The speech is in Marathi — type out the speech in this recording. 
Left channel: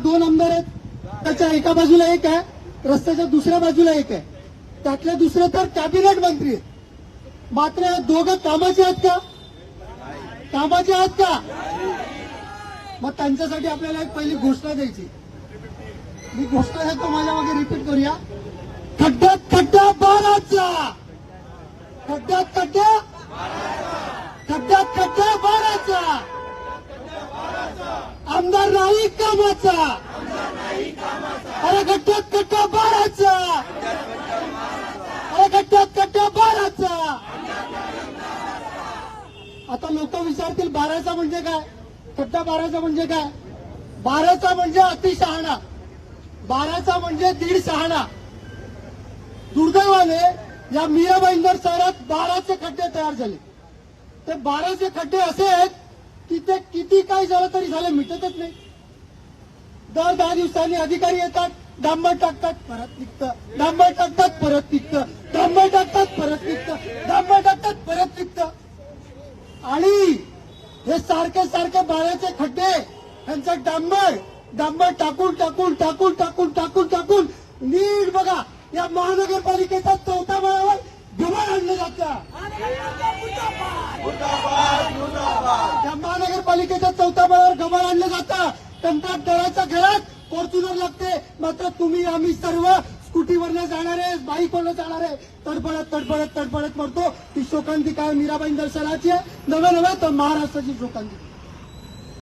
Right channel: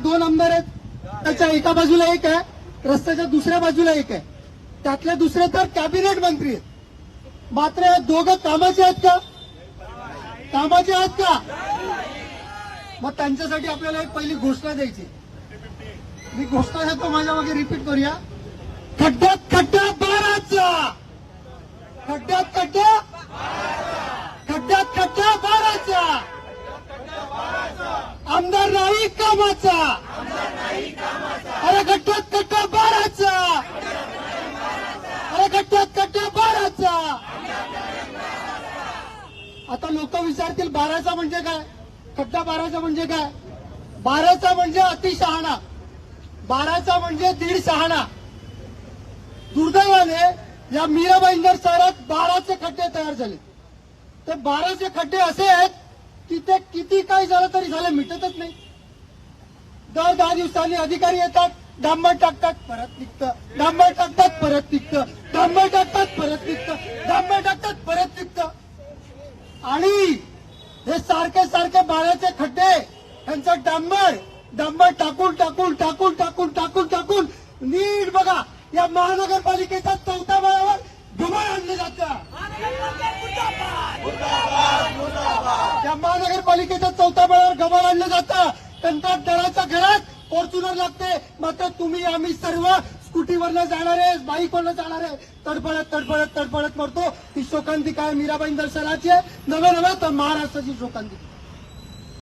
दोन आमदार आहेत. त्याच्या एका बाजूला एक आहे. रस्त्याच्या दुसऱ्या बाजूला एक आहे. त्यातले दुसरे तर कॅबिनेट मंत्री आहेत. मात्र हे दोघं कामाचे आहेत का? कामाचे आहेत का? मग त्यांच्यासाठी आपल्याला एक पहिली घोषणा द्यायची. मी घोषणा देतो माझ्या मागे रिपीट करूया. खड्ड्यात खड्डा बाराचा. खड्ड्यात खड्ड्या खड्ड्यात खड्डा बाराचा आमदार नाही कामाचा. अरे खड्ड्यात खड्डा बाराचा. अरे खड्ड्यात खड्डा बाराचा. आता लोक विचारतील बाराचा म्हणजे काय? कट्टा बाराचा म्हणजे काय? बाराचा म्हणजे अतिशहाणा बाराचा म्हणजे दीड शहाणा. दुर्दैवाने या भाईंदर शहरात बाराचे खड्डे तयार झाले. तर बाराचे खड्डे असे आहेत की ते किती काही झालं तरी झालं मिटतच नाही. दर दहा दिवसांनी अधिकारी येतात डांबर टाकतात परत निघतं. डांबर टाकतात परत निघतं. डांबर टाकतात परत निघतं. डांबर टाकतात परत निघतं. आणि हे सारखे सारखे बाळाचे खड्डे त्यांचा डांबर डांबर टाकून टाकून टाकून टाकून टाकून टाकून नीट बघा या महानगरपालिकेच्या चौथा माळावर धमाल आणलं जातं. या महानगरपालिकेच्या चौथा बळावर गबाळ आणलं जातं. टंका दळाचा घरात फॉर्च्युनर लागते. मात्र तुम्ही आम्ही सर्व स्कूटीवरनं जाणारे बाईकवरनं जाणारे तडफडत तडफडत तडफडत मरतो. ही शोकांती काय मीराबाई दर्शनाची आहे नव्या नव्हे तर महाराष्ट्राची शोकांती